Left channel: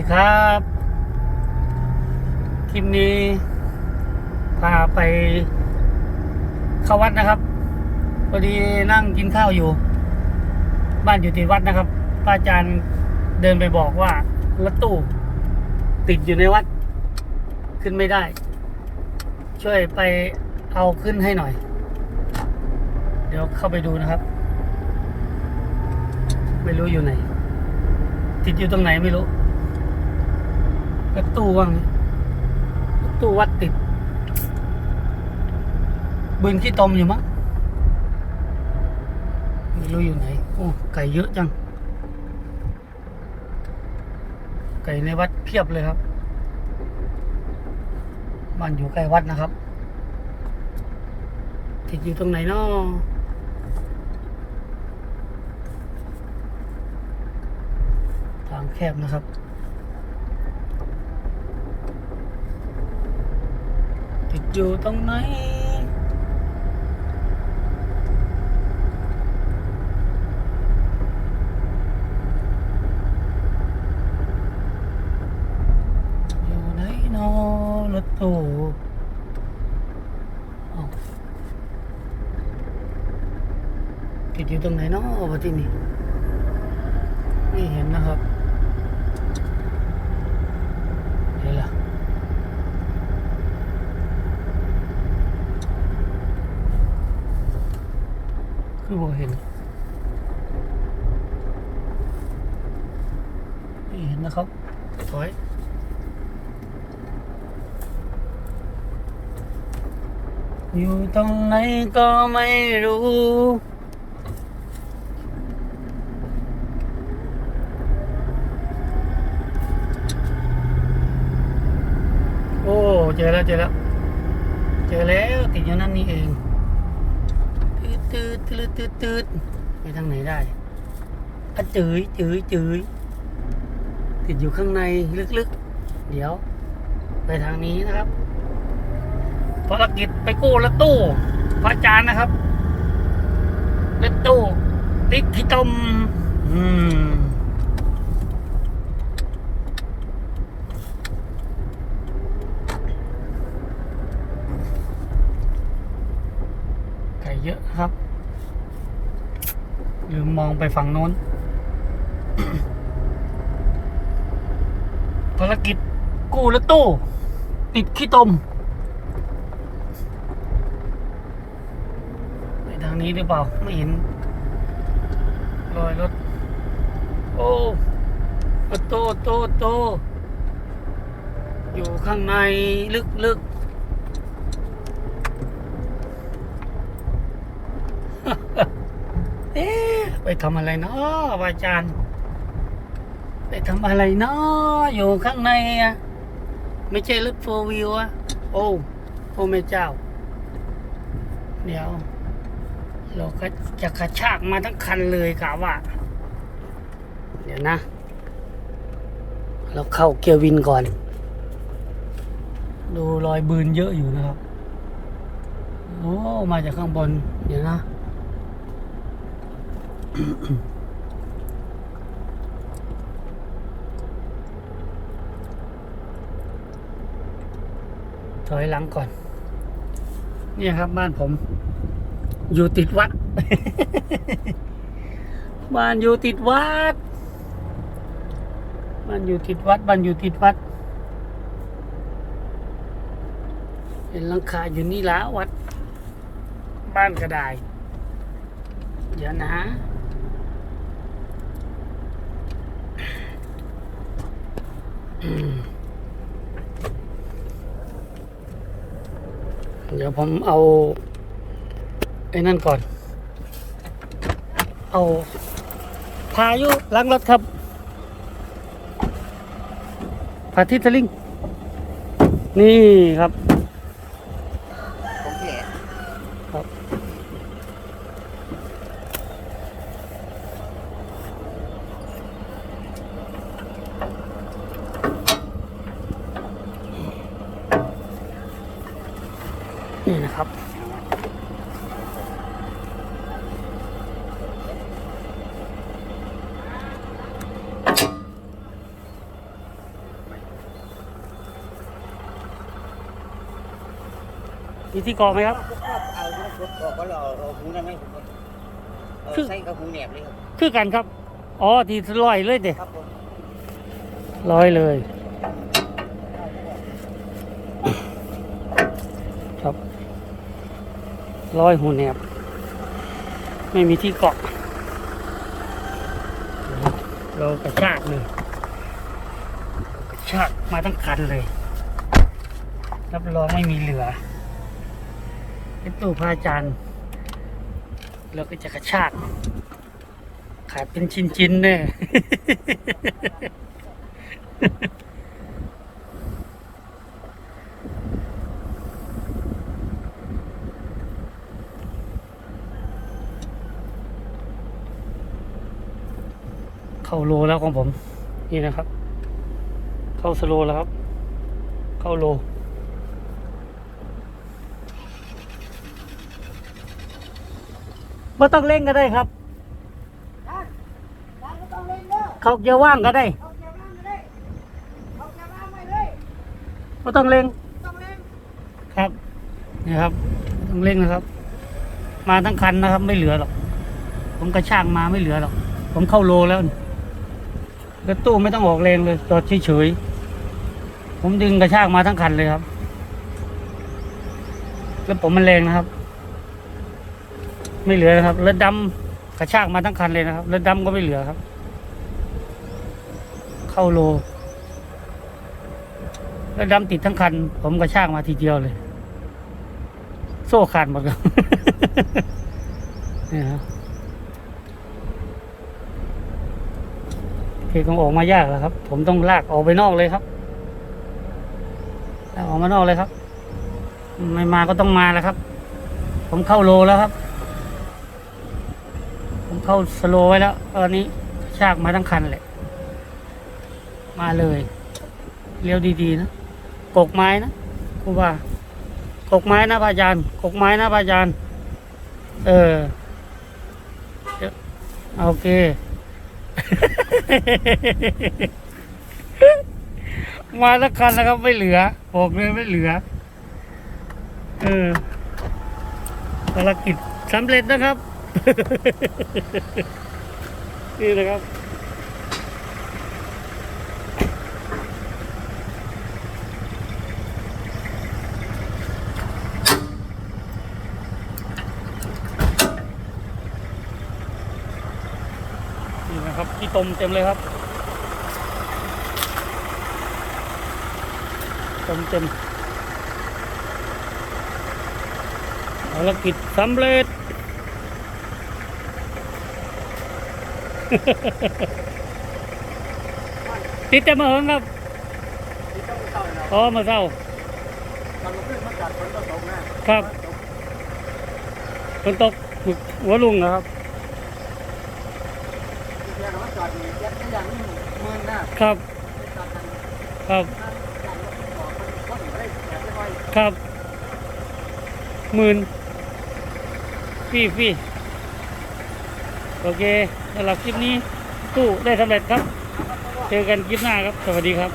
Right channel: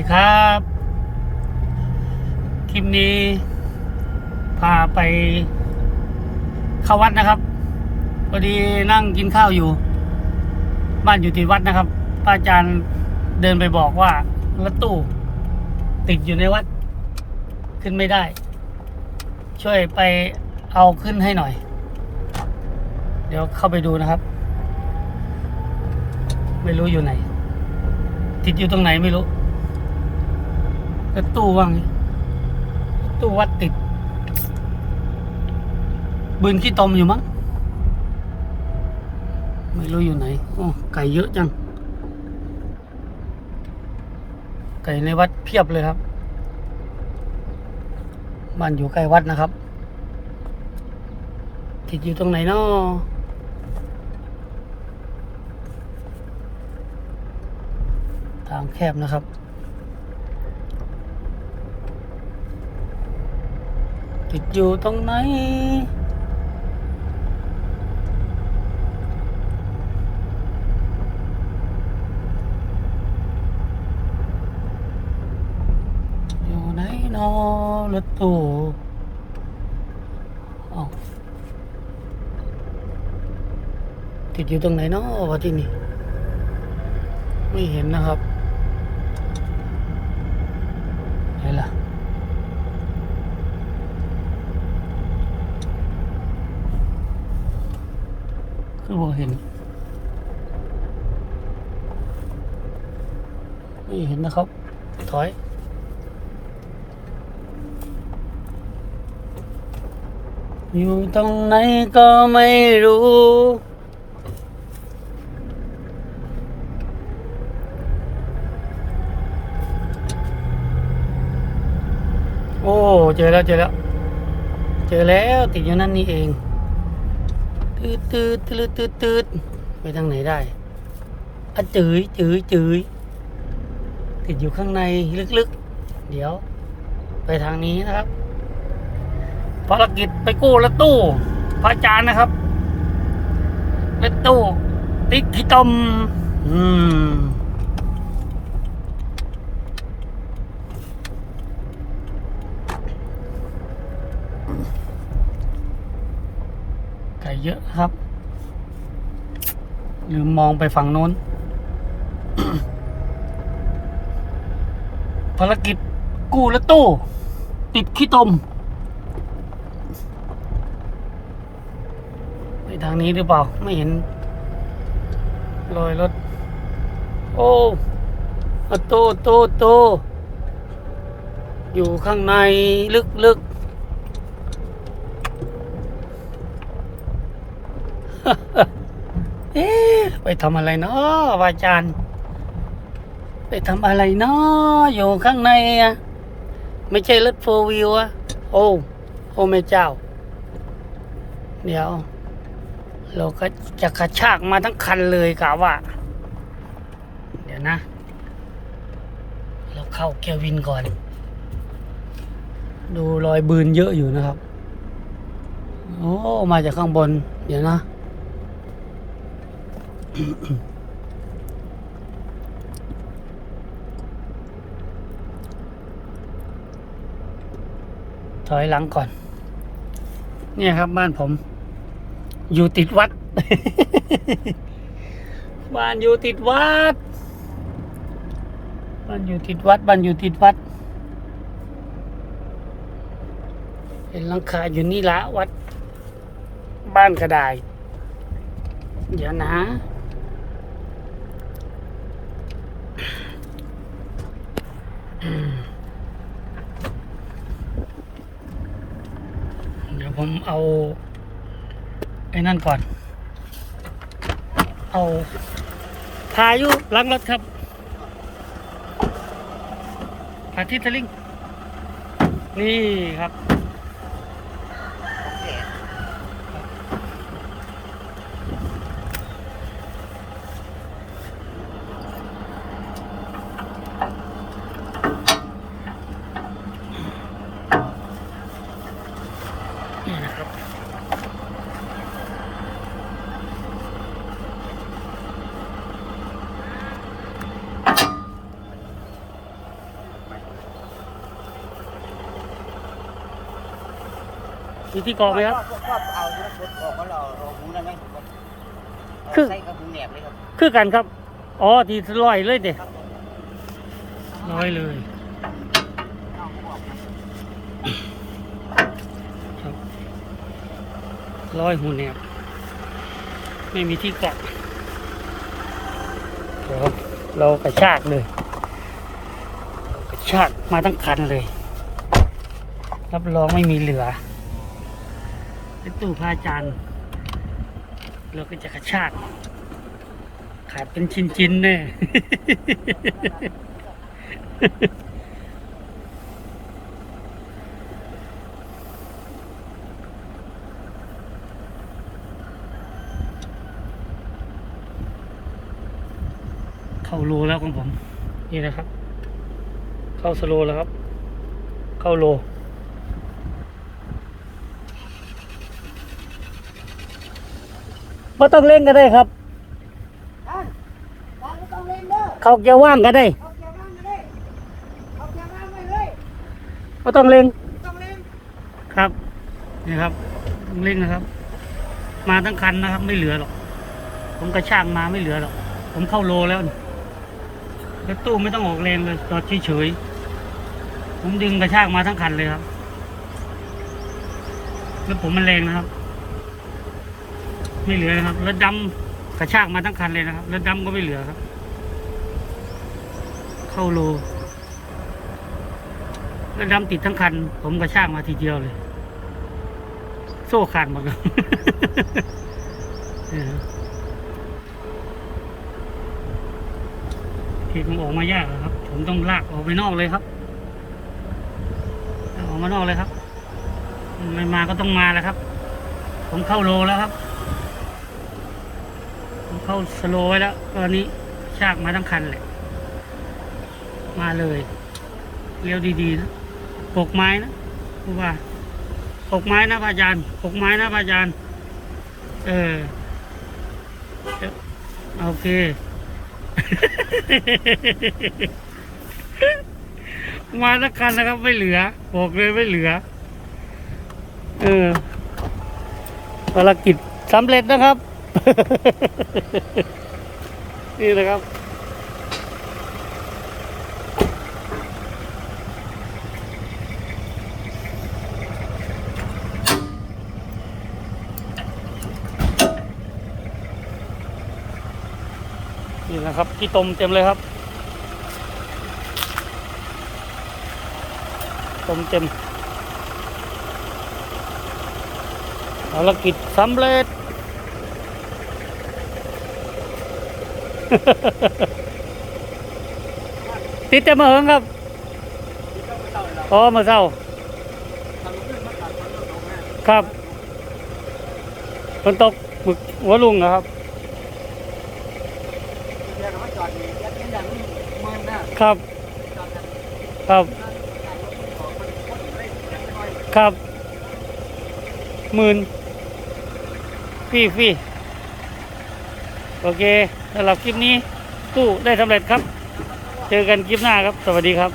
ดีครับ คลิปนี้ พาไปเข้าวัดนะครับพอดีนั่งกินข้าวอยู่ บ้านอยู่ที่วัดนะครับพระอาจารย์เดินไปบอกว่ารถตู้ ติดอยู่ในวัด ขึ้นไม่ได้ ช่วยไปเอาขึ้นให้หน่อย เดี๋ยวเข้าไปดูนะครับ ไม่รู้อยู่ไหน ติดอยู่ตรงไหนไม่รู้ รถตู้ว่างรถตู้วัดติด บืนขี้ตมอยู่มั้ง ไม่รู้อยู่ไหน โอ้ ไก่เยอะจัง ไก่ในวัดเพียบเลยครับ บ้านอยู่ใกล้วัดนะครับ ติดอยู่ตรงไหนเนาะทางแคบนะครับ ติดอยู่ตรงไหนอยู่ไหนเนอรถตู้ติดอยู่ตรงไหนเนาะวะที่นี่ไม่เห็นนะครับไหนล่ะ คือบ่เห็นไม่เห็นนะครับ ถอยอยู่ตรงไหนก็ไม่รู้โอ้เจอแล้วเจอแล้ว เจอแล้วติดอยู่นั่นนี่เองตืดตืด ตืดตืดตืดไปทางไหนได้อะจืยจืยจืยติดอยู่ข้างในลึกๆ เดี๋ยว ไปทางนี้นะครับ ภารกิจไปกู้รถตู้พระอาจารย์นะครับรถตู้ติดขี้ตมอืมไก่เยอะครับ ลืมมองไปฝั่งโน้น ภารกิจกู้รถตู้ ติดขี้ตมไปทางนี้หรือเปล่า ไม่เห็นรอยรถ โอ้อะโตโตโต อยู่ข้างในลึกๆเอ๊ะไป ทำอะไรเนาะอาจารย์ ไปทำอะไรเนาะอยู่ข้างในอะไม่ใช่รถโฟวิวอะโอ้โอ้แม่เจ้า เดี๋ยว เราก็จะกระชากมาทั้งคันเลยกะว่า เดี๋ยวนะ เราเข้าเกียร์วินก่อน ดูรอยบืนเยอะอยู่นะครับ โอ้ มาจากข้างบน เดี๋ยวนะ ถอยหลังก่อน เนี่ยครับบ้านผม อยู่ติดวัด บ้านอยู่ติดวัด บ้านอยู่ติดวัด บ้านอยู่ติดวัด เห็นหลังคาอยู่นี่ละวัด บ้านกระไดาย เดี๋ยวนะ อืม เดี๋ยวผมเอา ไอ้นั่นก่อน เอาพายุล้างรถครับพาทิตลิง นี่ครับี่นะครับ มีที่กรอไหมครับคือ ใส่กัหูแนบเลยครับคือกันครับ อ๋อ ที่ลอยเลยเด็รัลอยเลย ลอยหูแหนบ ไม่มีที่เกาะเดี๋ยวเรากระชากเลยกระชากมาทั้งคันเลย รับรองไม่มีเหลือเป็นตู้พาจารย์เราก็จะกระชากขาดเป็นชิ้นๆแน่เโลแล้วของผม นี่นะครับ เข้าสโลแล้วครับ เข้าโลไม่ต้องเล่งก็ได้ครับ เขาจะว่างก็ได้ไม่ต้องเล่งครับนี่ครับ ต้องเล่งนะครับ มาทั้งคันนะครับ ไม่เหลือหรอก ผมกระช่างมาไม่เหลือหรอก ผมเข้าโลแล้ว นี่แล้วตู้ไม่ต้องออกแรงเลยจอดเฉยๆผมดึงกระชากมาทั้งคันเลยครับ แล้วผมมันแรงนะครับ ไม่เหลือครับแล้วดำกระชากมาทั้งคันเลยนะครับแล้วดำก็ไม่เหลือครับ เข้าโลแล้วดำติดทั้งคัน ผมกระชากมาทีเดียวเลย โซ่ขาดหมดเนี่ย ครับที่คงออกมายากแล้วครับ ผมต้องลากออกไปนอกเลยครับออกมานอกเลยครับ ไม่มาก็ต้องมาแล้วครับ ผมเข้าโลแล้วครับ ผมเข้าสโลไว้แล้ว ตอนนี้ชากมาทั้งคันแหละ มาเลยเลี้ยวดีๆนะกกไม้นะครูว่ากกไม้นะพระอาจารย์กกไม้นะพระอาจารย์เออโอเค มาทั้งคันนะครับไม่เหลือ บอกเลยไม่เหลือ เออภารกิจสำเร็จนะครับ นี่นะครับ นี่นะครับที่ต้มเต็มเลยครับต้มเต็มภารกิจสำเร็จ ติดแต่มาเหิงครับที่ต้องเศร้าเลยเราอ๋อมาเศร้าทำมาขึ้นมาจัดฝนก็ตกนะครับฝนตกหมึกหัวลุงนะครับ ที่เดียวมาจอดนี่ยัดไม่ยังเมืองนะครับ จอดกันครับนั่นจัดรถไม่ออกคนคนได้แถมไปหน่อยครับหมื่นฟรี่ฟรี่โอเคสำหรับคลิปนี้ตู้ได้สำเร็จครับ เจอกันคลิปหน้าครับ สวัสดีครับ